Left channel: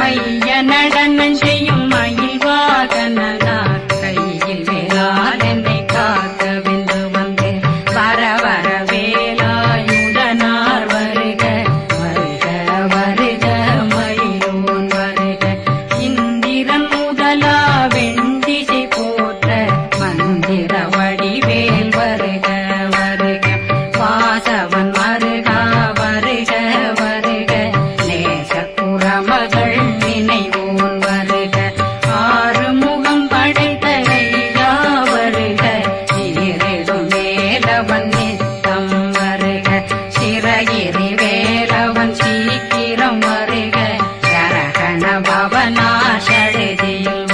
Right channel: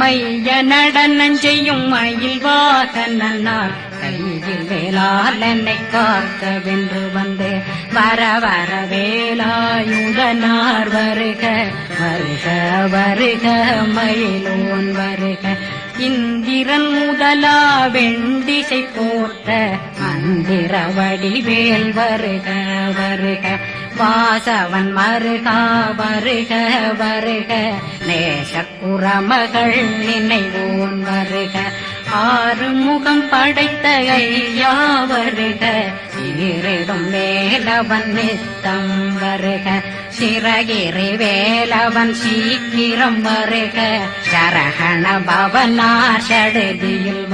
மைய நடனம் செய்யும் மயில் வாகனார் கையில் வேளாளனை காக்க வென்று வந்தே வர வர வேலாயுதனார் வருக வருக வருக மயிலோன் வருக இந்திரன் முதலா வெண்டிசை போட்ட மந்திர வடிவேல் வருக வருக வாசவன் வருகா வருக வருக நேசப்புறமகள் நினைவோன் வருக ஆறுமுகம் படைத்த ஐயா வருக இருடும் வேலவன் நித்தம் வருக சிறகிரி வேலவன் சீக்கிரம் வருக கரகண பவனா சடுதியில்